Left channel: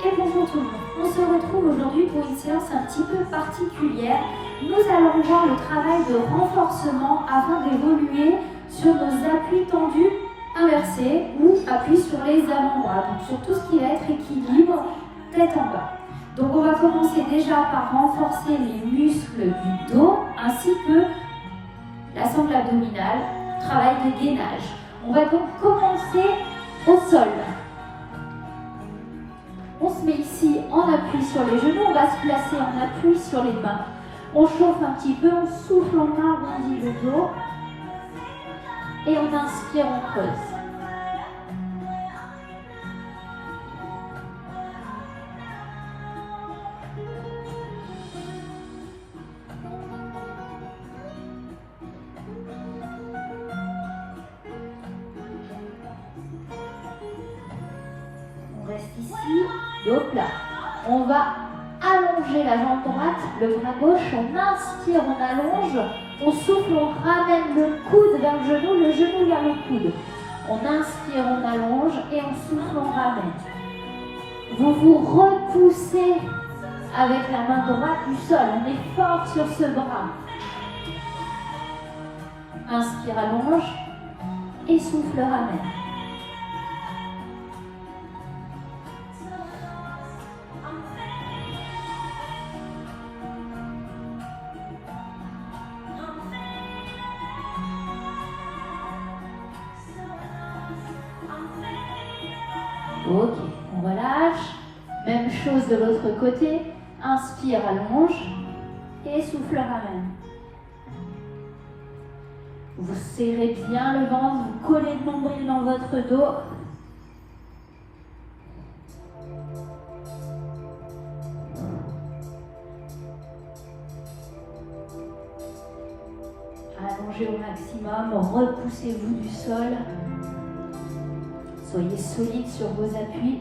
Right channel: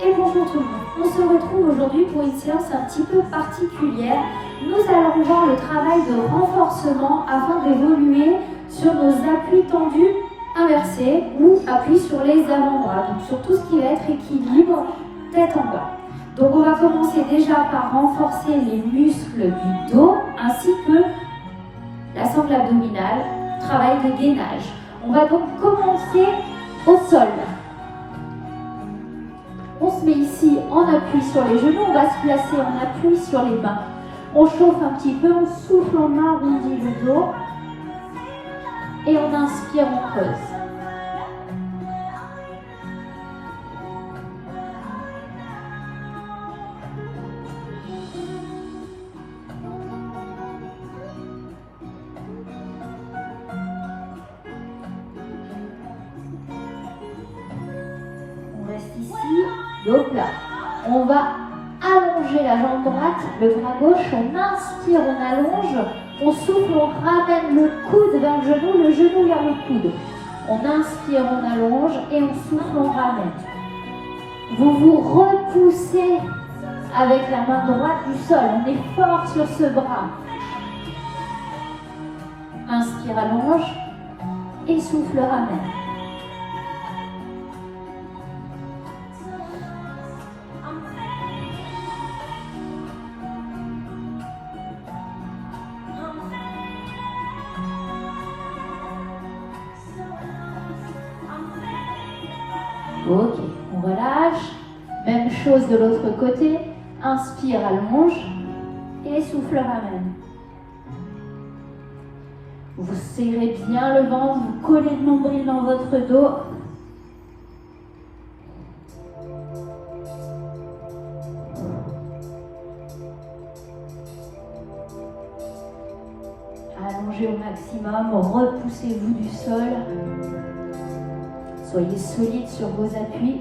Et bonjour tout le monde, on se retrouve aujourd'hui pour une séance un petit peu particulière. Nous allons voir le travail de renforcement afin d'évoluer sur nos appuis tendus inversés ou appuis sur les avant-bras, donc sur tout ce qui va être équilibre tête en bas. Donc on va commencer déjà par renforcer les muscles du dos ainsi que la sangle abdominale, travail de gainage. On va donc commencer au sol. On se met ici en appui sur les genoux, on va se placer en appui sur les mains. On chauffe un petit peu, on souffle, on arrondit le dos et on inspire, on creuse. On reste ici, dos plat. On va allonger la jambe droite, le bras gauche, on inspire, on allonge, on souffle, on ramène le coude vers le genou vers le coude. On inspire, on allonge et on souffle, on ramène. Vous vous repoussez avec la main droite du sol, on est fort sur ce bras. Inspire, allonge et souffle, ramène. Ok, on relâche. Même chose de l'autre côté. Inspire, allonge et souffle, ramène. Vous serrez bien le ventre, vous collez le nombril dans votre dos. Allongez au maximum, repoussez-vous du sol. Soyez solide sur vos appuis.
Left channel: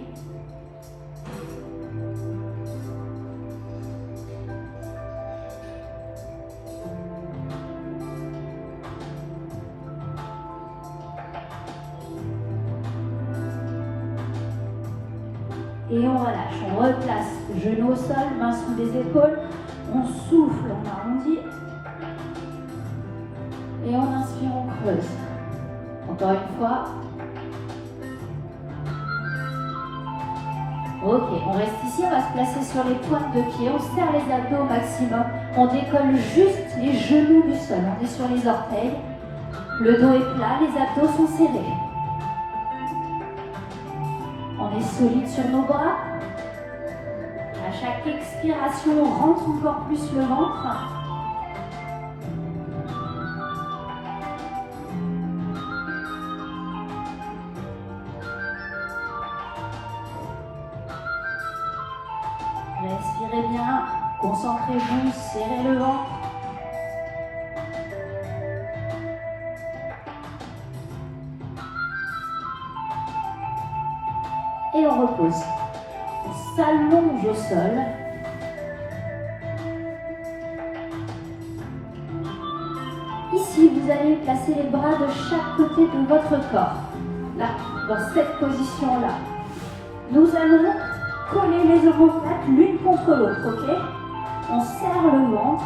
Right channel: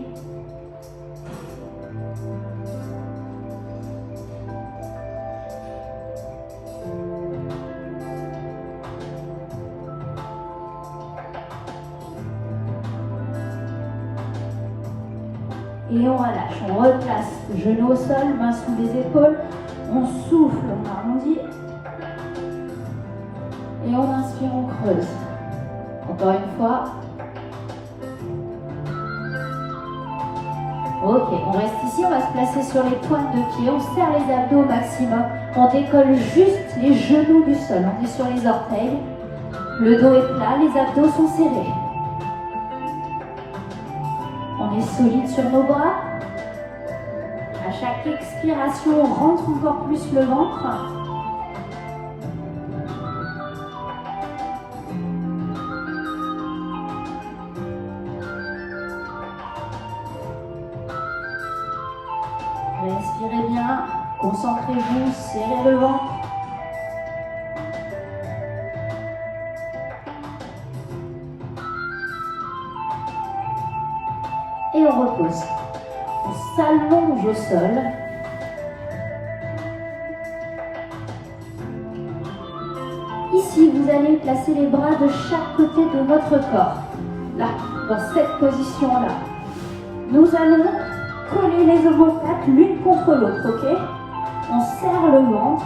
Et on relâche, on replace genou au sol, main sous les épaules. On souffle, on arrondit. Et on inspire, on creuse. Encore une fois. Ok, on reste ici, on va se placer sur les pointes de pied, on serre les abdos au maximum, on décolle juste les genoux du sol, on est sur les orteils, le dos est plat, les abdos sont serrés. On est solide sur nos bras. À chaque expiration, on rentre encore plus le ventre. Respirez bien, concentrez-vous, serrez le ventre. Et on repose. On s'allonge au sol. Ici, vous allez placer les bras de chaque côté de votre corps. Là, dans cette position-là. Nous allons coller les omoplates l'une contre l'autre, ok? On serre le ventre,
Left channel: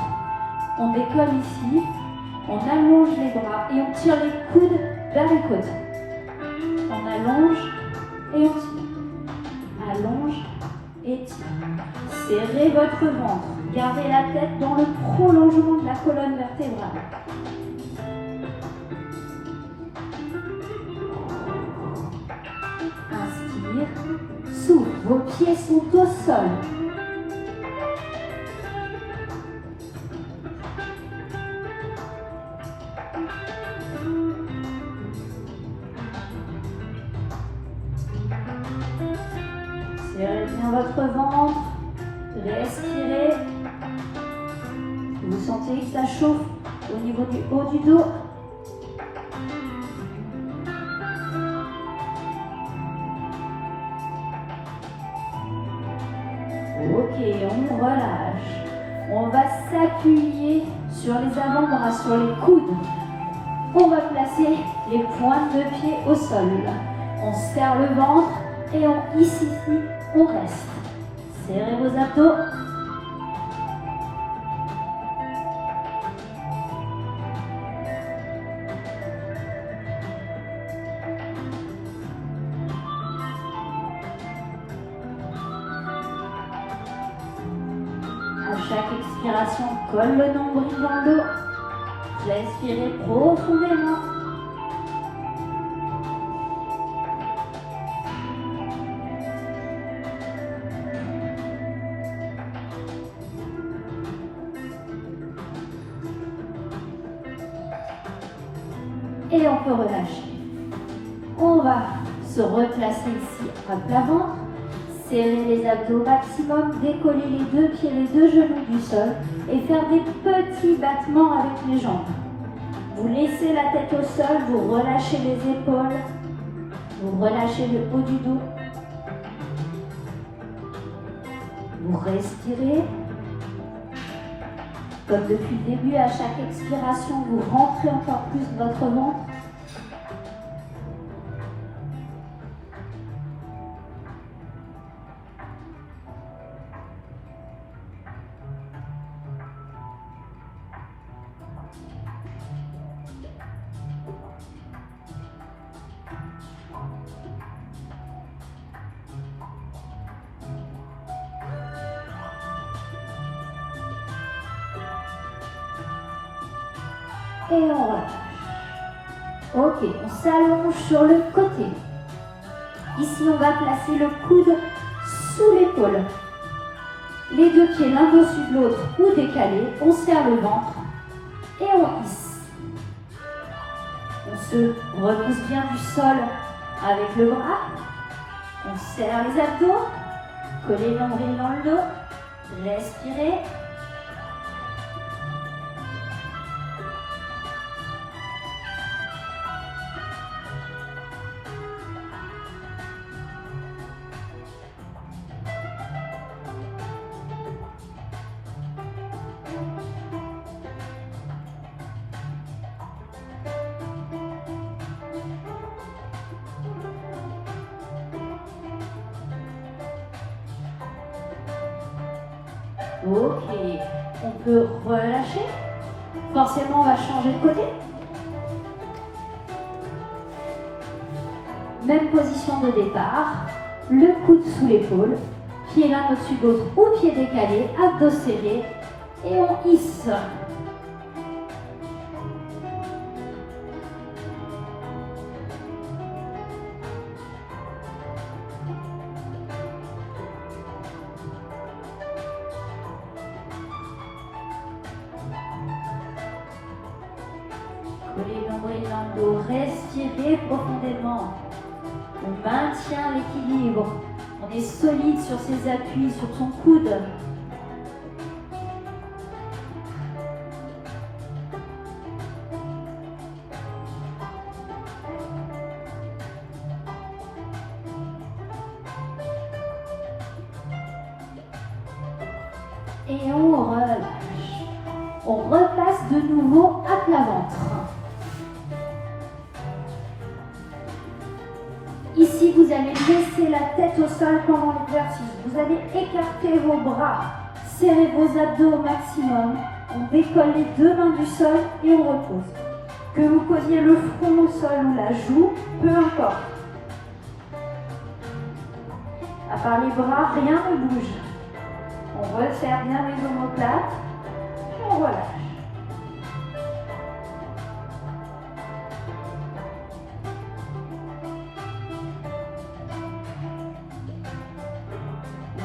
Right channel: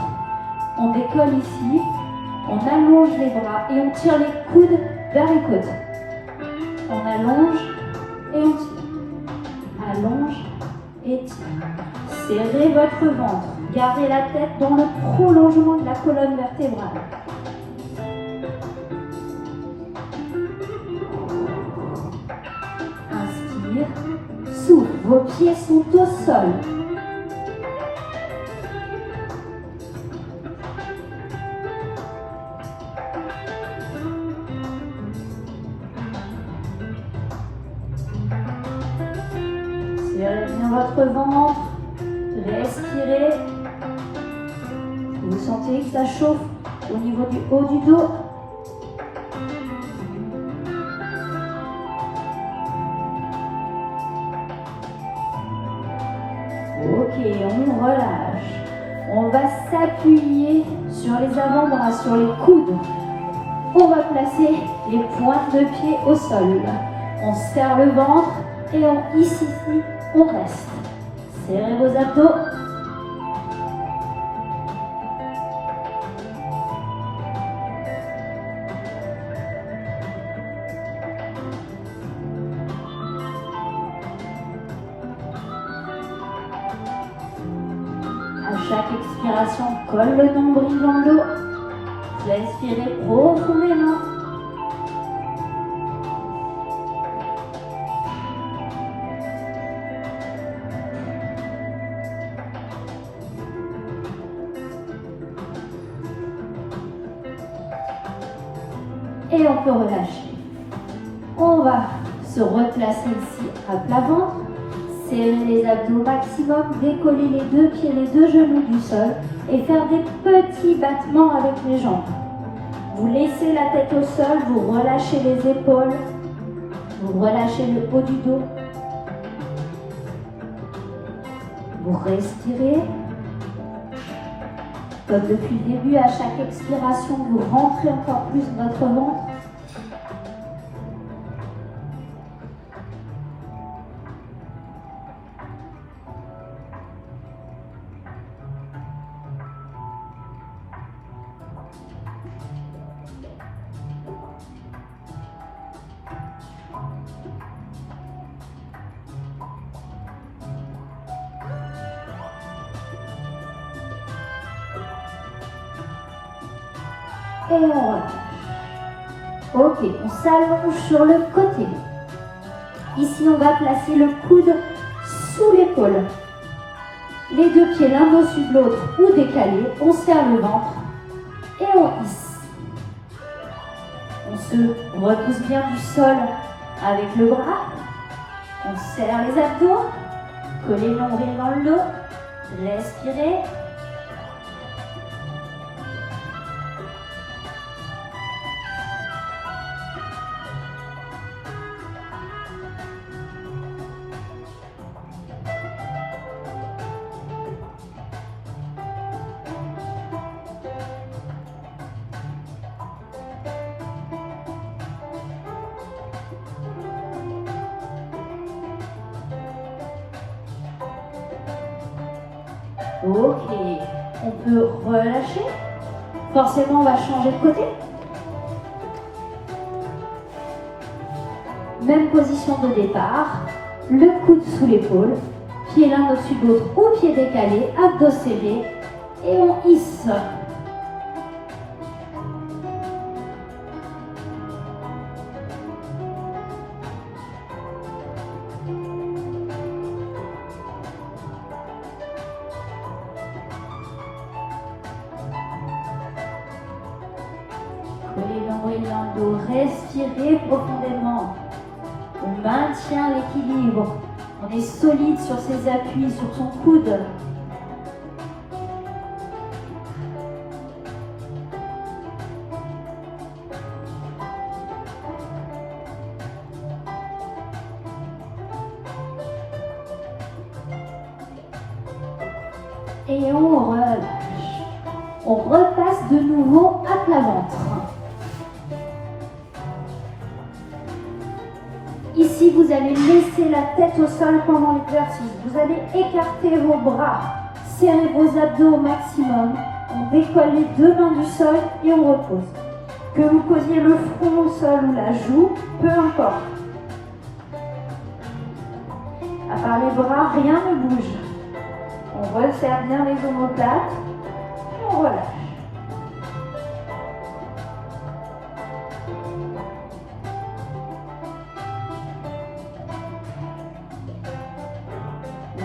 on décolle ici, on allonge les bras et on tire les coudes vers les côtes. On allonge et on tire. Allonge et tire. Serrez votre ventre, gardez la tête dans le prolongement de la colonne vertébrale. Inspire. Souffle, vos pieds sont au sol. Serrez bien votre ventre, respirez. Vous sentez que ça chauffe au niveau du haut du dos. Ok, on relâche. On va s'appuyer sur les avant-bras, sur les coudes. On va placer les pointes de pied au sol. On serre le ventre et on hisse ici On reste. Serrez vos abdos. À chaque expiration, colle le nombril dans le dos. Respirez profondément. Et on peut relâcher. On va se replacer ici à plat ventre. Serrer les abdos au maximum, décoller les deux pieds, les deux genoux du sol et faire des petits battements avec les jambes. Vous laissez la tête au sol, vous relâchez les épaules, vous relâchez le haut du dos. Vous respirez. Comme depuis le début, à chaque expiration, vous rentrez encore plus votre ventre. Et on relâche. Ok, on s'allonge sur le côté. Ici, on va placer le coude sous l'épaule. Les deux pieds l'un au-dessus de l'autre ou décalés. On serre le ventre et on hisse. On se repousse bien du sol avec le bras. On serre les abdos. Collez le nombril dans le dos. Respirez. Ok, on peut relâcher. Forcément, on va changer de côté. Même position de départ. Le coude sous l'épaule. Pied l'un au-dessus de l'autre ou pied décalé. Abdos serrés. Et on hisse. Collez le nombril dans le dos, respirez profondément. On maintient l'équilibre. On est solide sur ses appuis, sur son coude. Et on relâche. On repasse de nouveau à plat ventre. Ici, vous allez laisser la tête au sol pendant l'exercice. Vous allez écarter vos bras, serrer vos abdos au maximum. On décolle les deux mains du sol et on repose. Que vous posiez le front au sol ou la joue, peu importe. À part les bras, rien ne bouge. On resserre bien les omoplates. On relâche.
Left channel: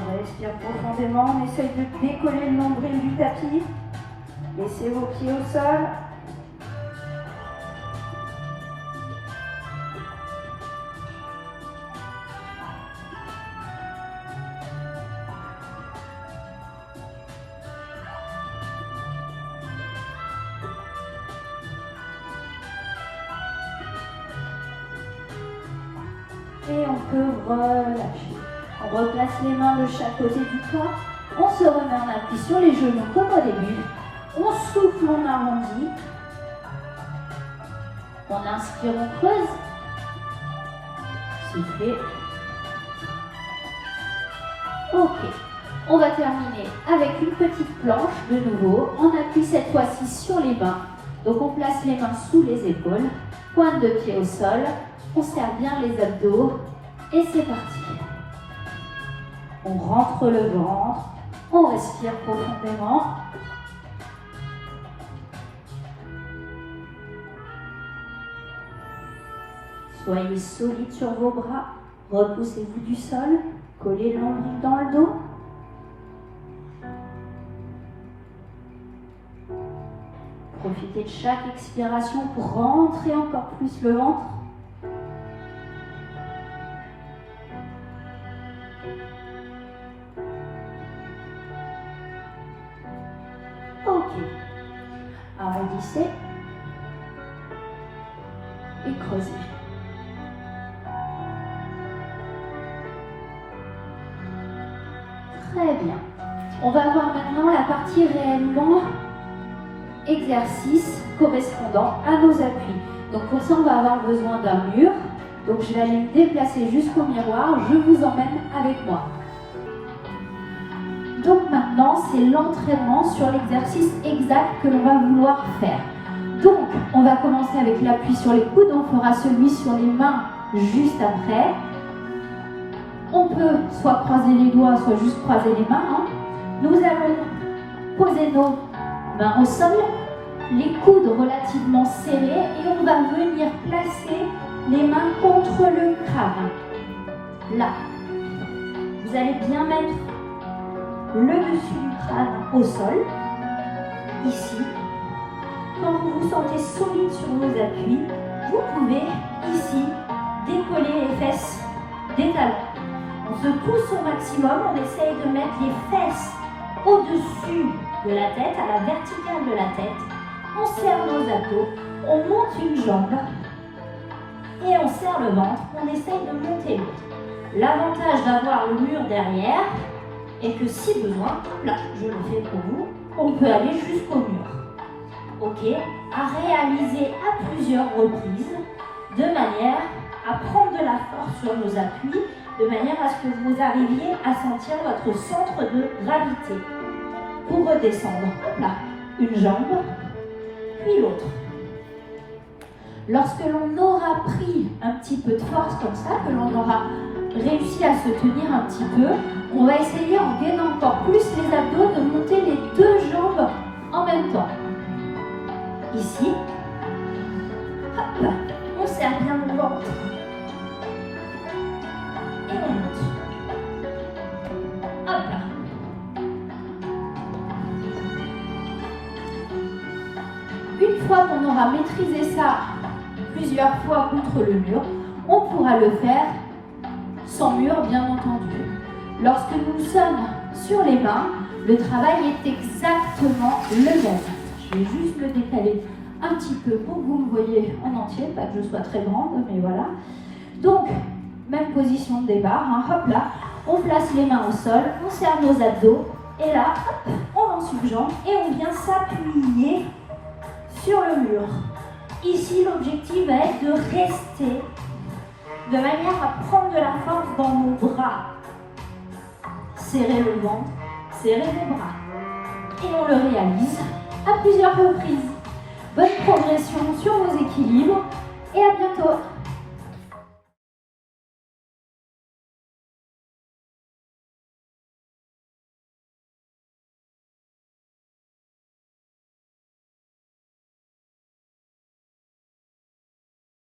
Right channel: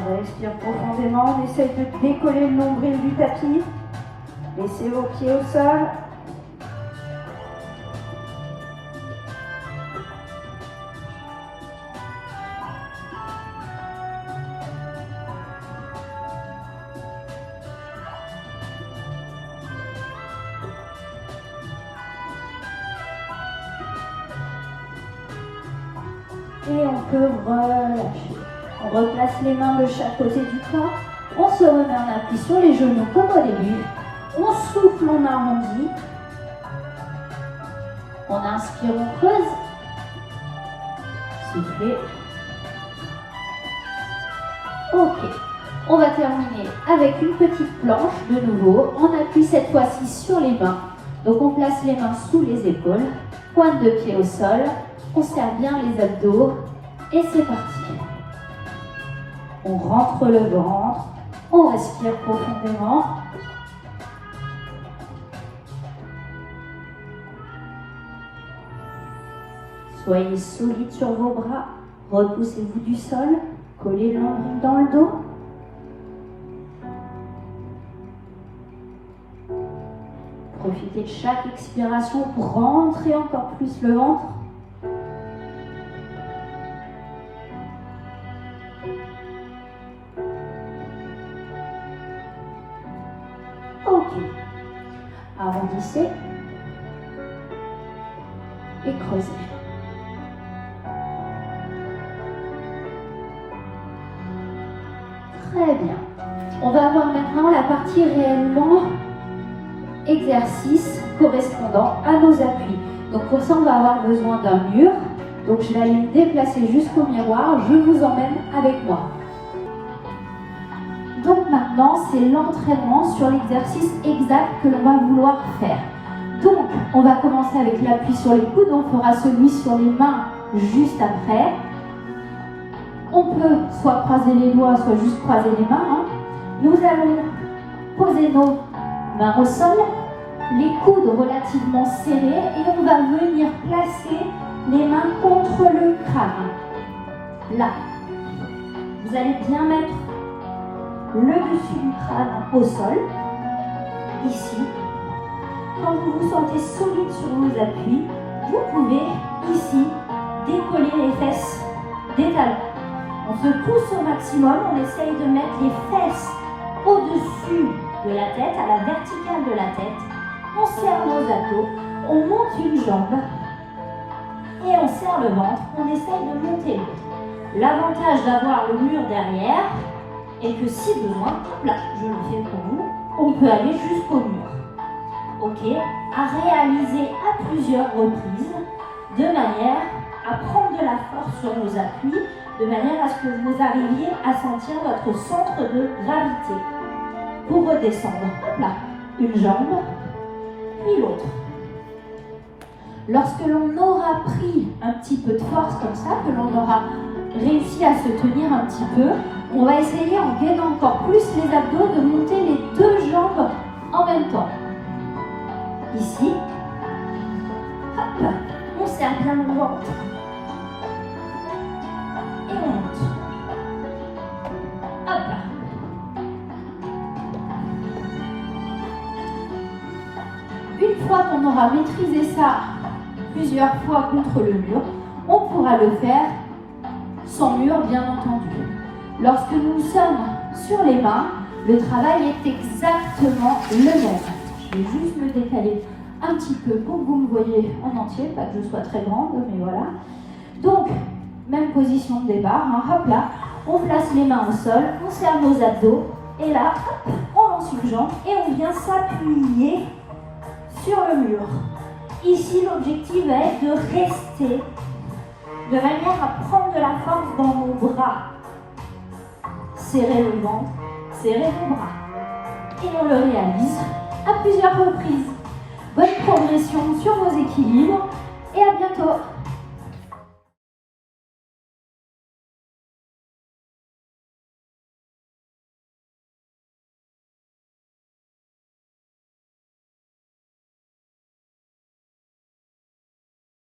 On respire profondément, on essaye de décoller le nombril du tapis. Laissez vos pieds au sol. Et on peut relâcher. On replace les mains de chaque côté du corps. On se remet en appui sur les genoux comme au début. On souffle, on arrondit. On inspire, on creuse. Soufflez. On va terminer avec une petite planche de nouveau. On appuie cette fois-ci sur les mains. Donc on place les mains sous les épaules, pointe de pied au sol, on serre bien les abdos et c'est parti. On rentre le ventre, on respire profondément. Soyez solide sur vos bras, repoussez-vous du sol, collez le nombril dans le dos. Profitez de chaque expiration pour rentrer encore plus le ventre. Ok. Arrondissez et creusez. Très bien. On va voir maintenant la partie réellement exercice correspondant à nos appuis. Donc pour ça, on va avoir besoin d'un mur. Donc je vais aller me déplacer jusqu'au miroir. Je vous emmène avec moi. Donc maintenant, c'est l'entraînement sur l'exercice exact que l'on va vouloir faire. Donc, on va commencer avec l'appui sur les coudes. On fera celui sur les mains juste après. On peut soit croiser les doigts, soit juste croiser les mains. Nous allons poser nos mains au sol, les coudes relativement serrés et on va venir placer les mains contre le crâne. Là, vous allez bien mettre le dessus du crâne au sol, ici. Quand vous vous sentez solide sur vos appuis, vous pouvez ici décoller les fesses des talons. On se pousse au maximum, on essaye de mettre les fesses au-dessus de la tête, à la verticale de la tête. On serre nos abdos, on monte une jambe et on serre le ventre. On essaye de monter l'autre. L'avantage d'avoir le mur derrière est que si besoin, là, je le fais pour vous, on peut aller jusqu'au mur. Ok, à réaliser à plusieurs reprises de manière à prendre de la force sur nos appuis, de manière à ce que vous arriviez à sentir votre centre de gravité. Pour redescendre, hop là, une jambe, puis l'autre. Lorsque l'on aura pris un petit peu de force comme ça, que l'on aura réussi à se tenir un petit peu, on va essayer en gainant encore plus les abdos de monter les deux jambes en même temps. Ici, hop là, on serre bien le ventre. Et on monte. Hop là. Une fois qu'on aura maîtrisé ça plusieurs fois contre le mur, on pourra le faire sans mur, bien entendu. Lorsque nous sommes sur les mains, le travail est exactement le même. Je vais juste le décaler un petit peu pour que vous me voyez en entier, pas que je sois très grande, mais voilà. Donc, même position de départ, hop là, on place les mains au sol, on serre nos abdos, et là, hop, on lance une jambe et on vient s'appuyer sur le mur. Ici, l'objectif va être de rester de manière à prendre de la force dans nos bras. Serrer le ventre, serrer les bras. Et on le réalise à plusieurs reprises. Bonne progression sur vos équilibres et à bientôt.